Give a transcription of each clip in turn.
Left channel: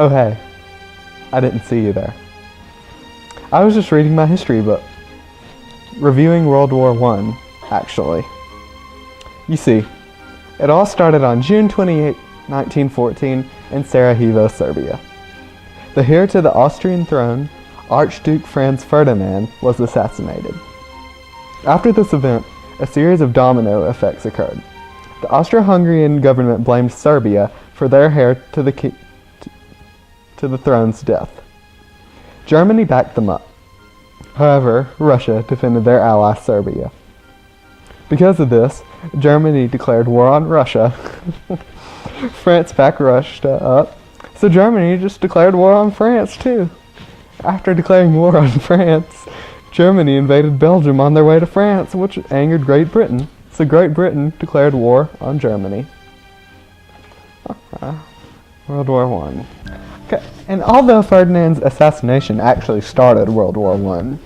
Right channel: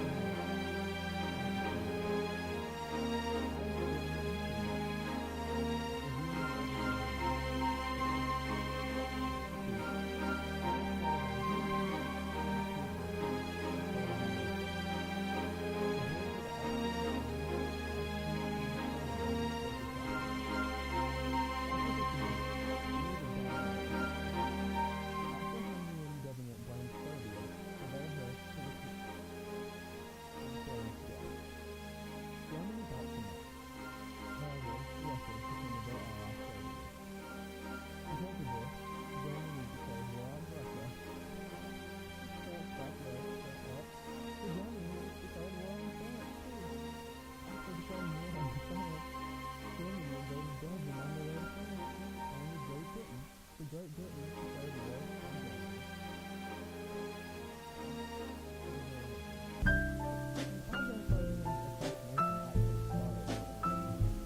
Oh hey, I didn't see you there. I was just reading my history book. Reviewing World War I, actually. You see, it all started on June 28, 1914 in Sarajevo, Serbia. The heir to the Austrian throne, Archduke Franz Ferdinand, was assassinated. After this event, a series of domino effects occurred. The Austro-Hungarian government blamed Serbia for their heir to the throne's death. Germany backed them up. However, Russia defended their ally Serbia. Because of this, Germany declared war on Russia. France backed Russia up, so Germany just declared war on France too. After declaring war on France, Germany invaded Belgium on their way to France, which angered Great Britain. So Great Britain declared war on Germany. World War I. Okay. And although Ferdinand's assassination actually started World War I,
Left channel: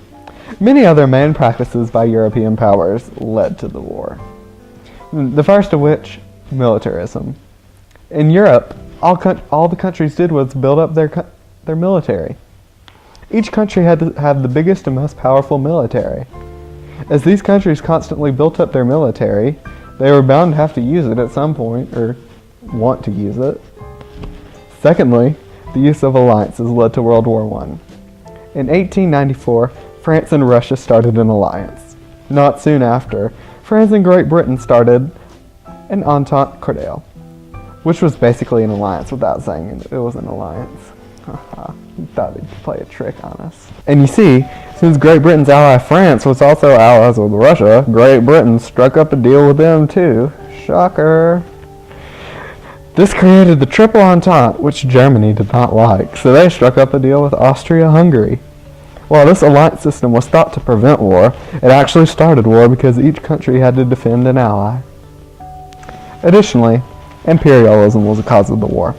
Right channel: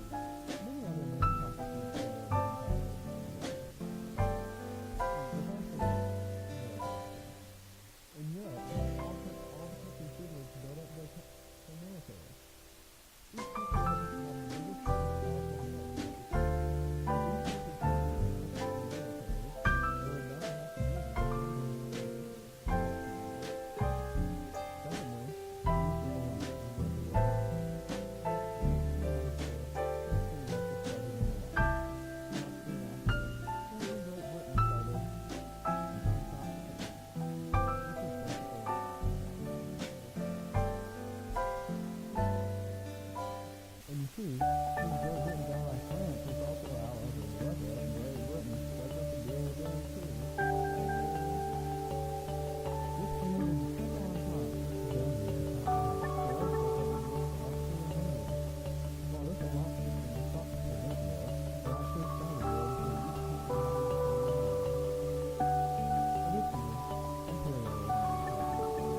many other main practices by European powers led to the war. The first of which, militarism. In Europe, all the countries did was build up their military. Each country had to have the biggest and most powerful military. As these countries constantly built up their military, they were bound to have to use it at some point, or want to use it. Secondly, the use of alliances led to World War I. In 1894, France and Russia started an alliance. Not soon after, France and Great Britain started an Entente Cordiale, which was basically an alliance without saying it was an alliance. He thought he'd play a trick on us. And you see, since Great Britain's ally France was also allies with Russia, Great Britain struck up a deal with them too. Shocker. This created the Triple Entente, which Germany did not like, so they struck up a deal with Austria-Hungary. While this alliance system was thought to prevent war, it actually started war because each country had to defend an ally. Additionally, imperialism was the cause of the war.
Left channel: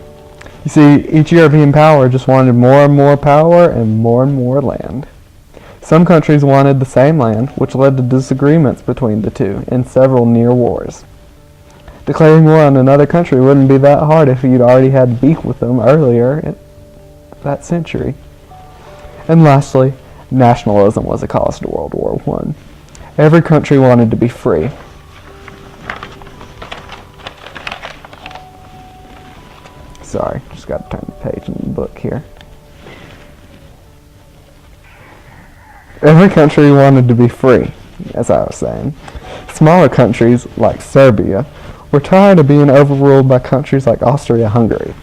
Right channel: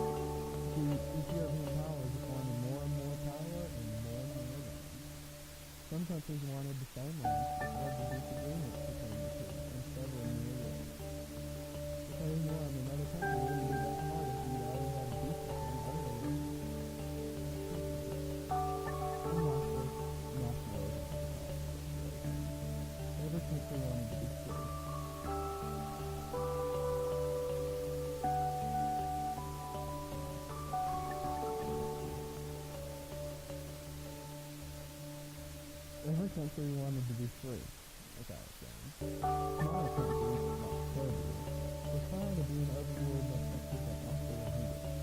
You see, each European power just wanted more and more power and more land. Some countries wanted the same land, which led to disagreements between the two in several near wars. Declaring war on another country wouldn't be that hard if you'd already had beef with them earlier in that century. And lastly, nationalism was a cause to World War I. Every country wanted to be free. Sorry, just got to turn the page in the book here. Every country wanted to be free, as I was saying. Smaller countries, like Serbia, were tired of being overruled by countries like Austria-Hungary.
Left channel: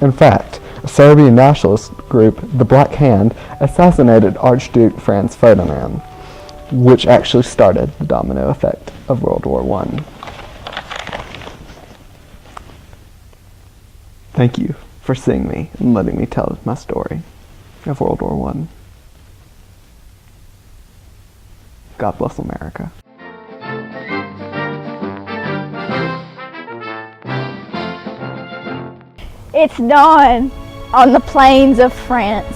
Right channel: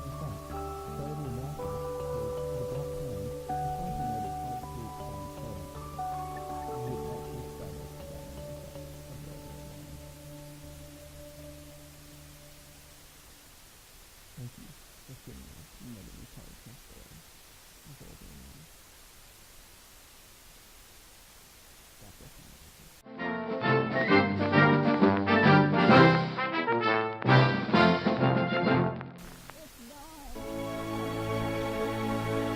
In fact, a Serbian nationalist group, the Black Hand, assassinated Archduke Franz Ferdinand, which actually started the domino effect of World War I. Thank you for seeing me and letting me tell my story of World War I. God bless America. It's dawn on the plains of France.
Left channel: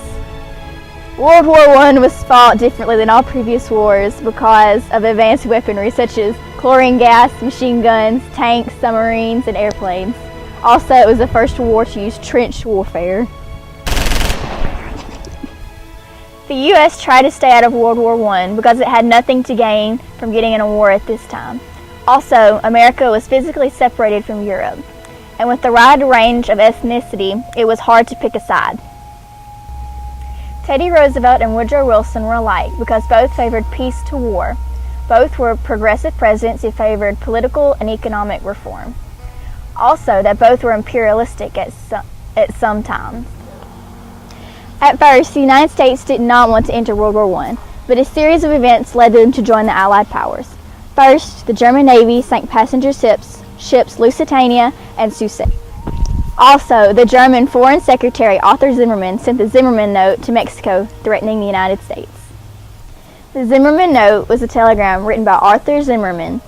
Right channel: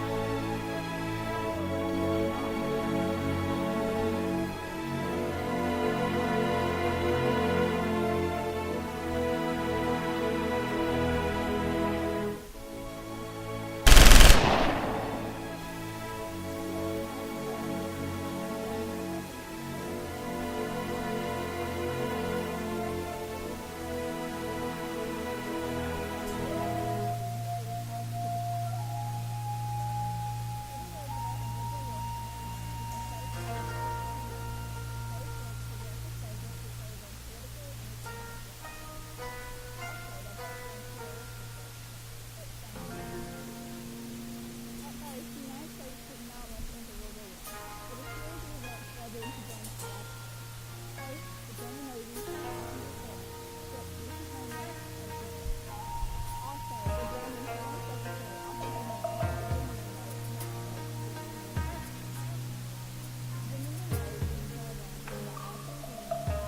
World War I was fought differently than all previous wars because of advanced weaponry such as chlorine gas, machine guns, tanks, submarines, and airplanes. Also, it was the first war to use trench warfare. The U.S. tried to stay out of World War I because it had nothing to gain from getting in a war at this time. Also, America was physically separated from Europe, and with the wide range of ethnicity, it was hard to pick a side. Teddy Roosevelt and Woodrow Wilson were alike because both favored peace to war. Both were progressive presidents who favored political and economic reform. Also, that both were imperialistic at some times. At first, the United States did not want to enter World War I, but a series of events led them to join the Allied powers. First, the German Navy sank passenger ships Lusitania and Sussex. Also, the German Foreign Secretary Arthur Zimmermann sent the Zimmermann Note to Mexico threatening the United States. The Zimmermann Note was a telegram written by Arthur Zimmermann.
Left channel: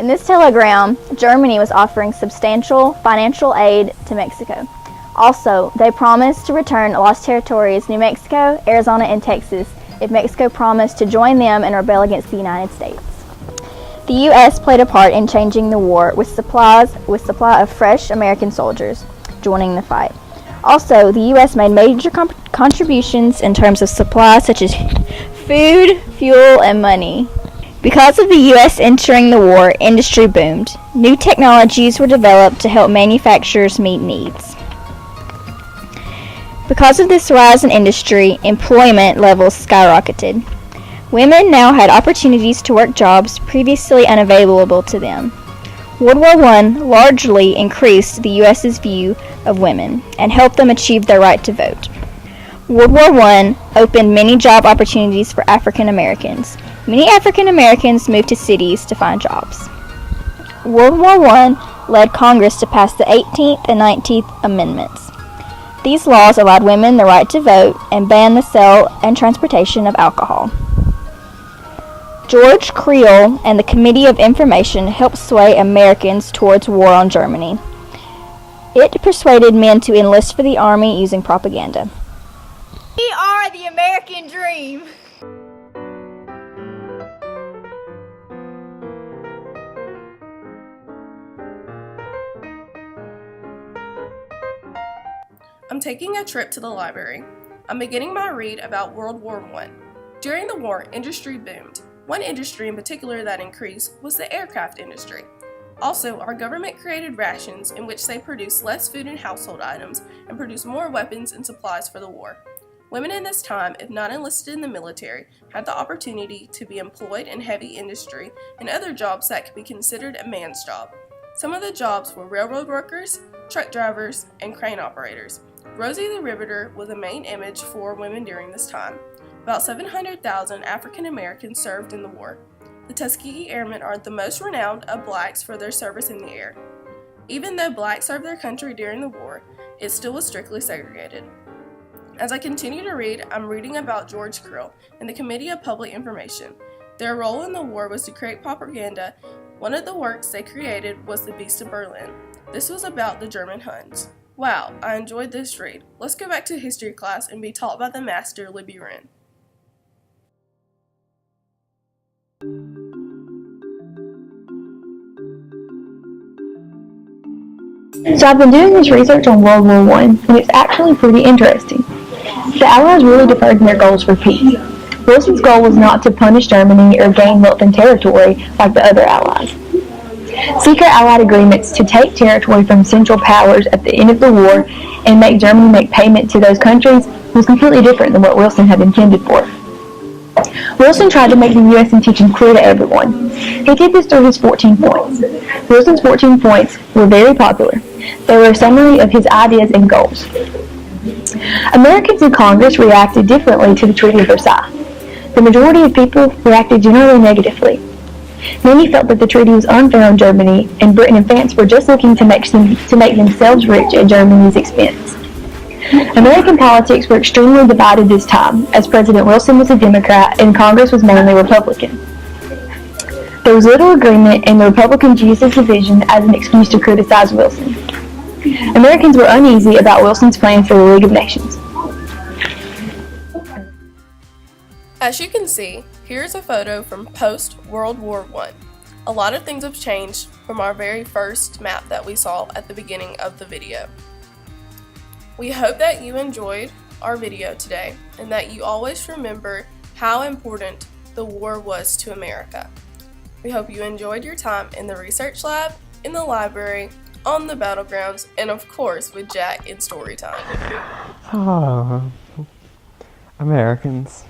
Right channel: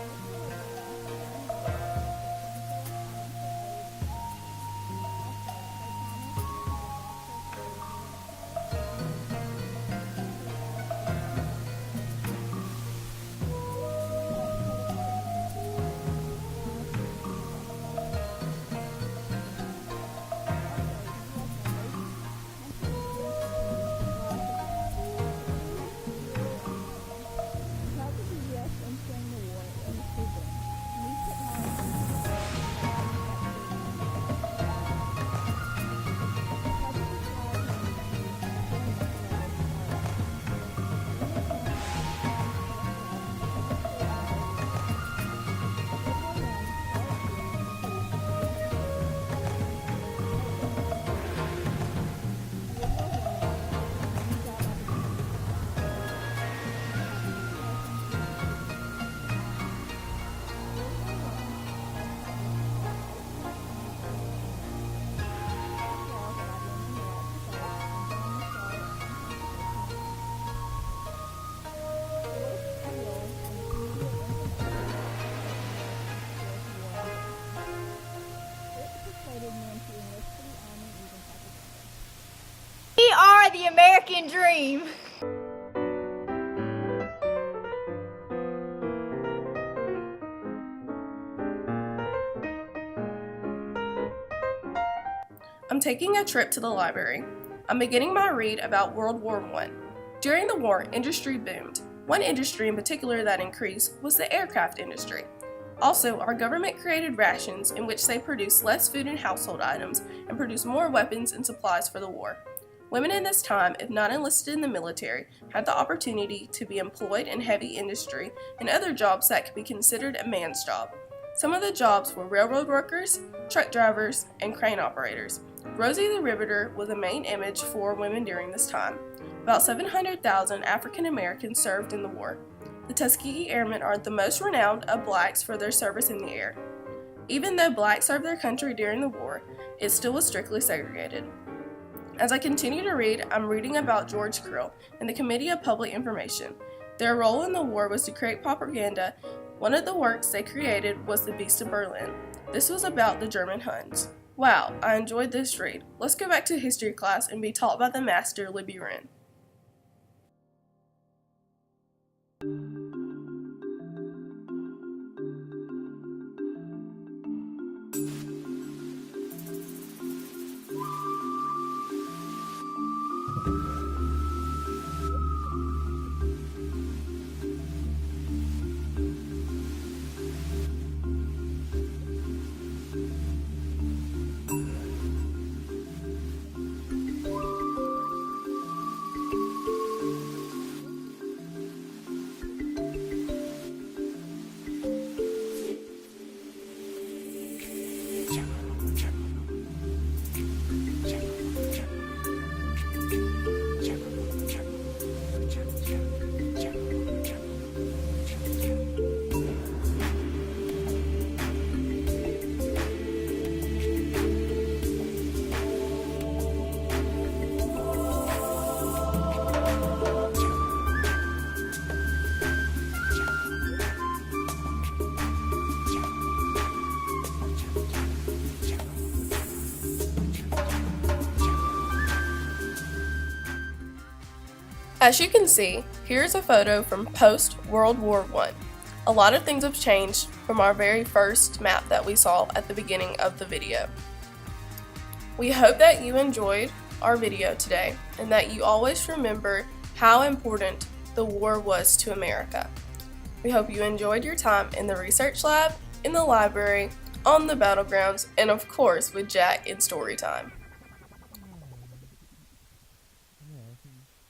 In this telegram, Germany was offering substantial financial aid to Mexico. Also, they promised to return lost territories New Mexico, Arizona, and Texas if Mexico promised to join them and rebel against the United States. The U.S. played a part in changing the war with supply of fresh American soldiers joining the fight. Also, the U.S. made major contributions in terms of supplies such as food, fuel, and money. Because of the U.S. entering the war, industry boomed. New technologies were developed to help manufacturers meet needs. Because of this rise in industry, employment levels skyrocketed. Women now had opportunities to work jobs previously unavailable to them. World War I largely increased the U.S.'s view of women and helped them achieve their right to vote. World War I opened many job opportunities for African Americans. Many African Americans moved to cities to find jobs. World War I led Congress to pass the 18th and 19th Amendments. These laws allowed women the right to vote and banned the sale and transportation of alcohol. George Creel and the Committee of Information helped sway Americans towards war on Germany. It persuaded men to enlist for the army using propaganda. We are the American dream! I'm taking a trip to the library. I'm beginning my read about World War I. During the war, industry boomed. One industry in particular that increased was the aircraft industry. Also, our government created rations in which they produced less food and household items and produced more weapons and supplies for the war. Women in this time, if not enlisted in the military, had the opportunity to be employed in heavy industry and other jobs that could be considered a man's job. Some of the jobs were railroad workers, truck drivers, and crane operators. Rosie the Riveter was a main image for women during this time. About 700,000 African Americans served in the war. The Tuskegee Airmen are the most renowned of blacks for their service in the air. Even though blacks served their country during the war, it still was strictly segregated. As I continue to read, I'm reading about George Creel and the Committee of Public Information. Their role in the war was to create propaganda. One of the works they created was The Beast of Berlin. This was about the German Huns. Wow, I enjoyed this read. Let's go back to history class and be taught by the master, Libby Renn. So I've been doing this research on World War I, and it's actually pretty interesting. The Allies really deferred in their goals for peace. Wilson's goal was not to punish Germany or gain wealth and territory like the other Allies. Secret Allied agreements to take territory from Central Powers at the end of the war and make Germany make payment to those countries was completely different than what Wilson had intended for. Wilson tried to make the U.S. intention clear to everyone. He did this through his 14 points. Wilson's 14 points were very popular. They were a summary of his ideas and goals. Americans in Congress reacted differently to the Treaty of Versailles. The majority of people reacted generally negatively. Many felt that the treaty was unfair on Germany, and Britain and France were just looking to make themselves rich at Germany's expense. American politics were extremely divided this time, as President Wilson was a Democrat and Congress was mainly Republican. There was little agreement, and the Republicans used this division as an excuse to criticize Wilson. Americans were uneasy about Wilson's plan for the League of Nations. As you can see, here's a photo from post-World War I. A lot of things have changed from our very first map that we saw at the beginning of the video. We hope that you enjoyed our video today and that you always remember how important the war was to America. We hope you enjoyed your time in the research lab, in the library, on the battlegrounds, and of course with Jack in story time. Oh, Americans.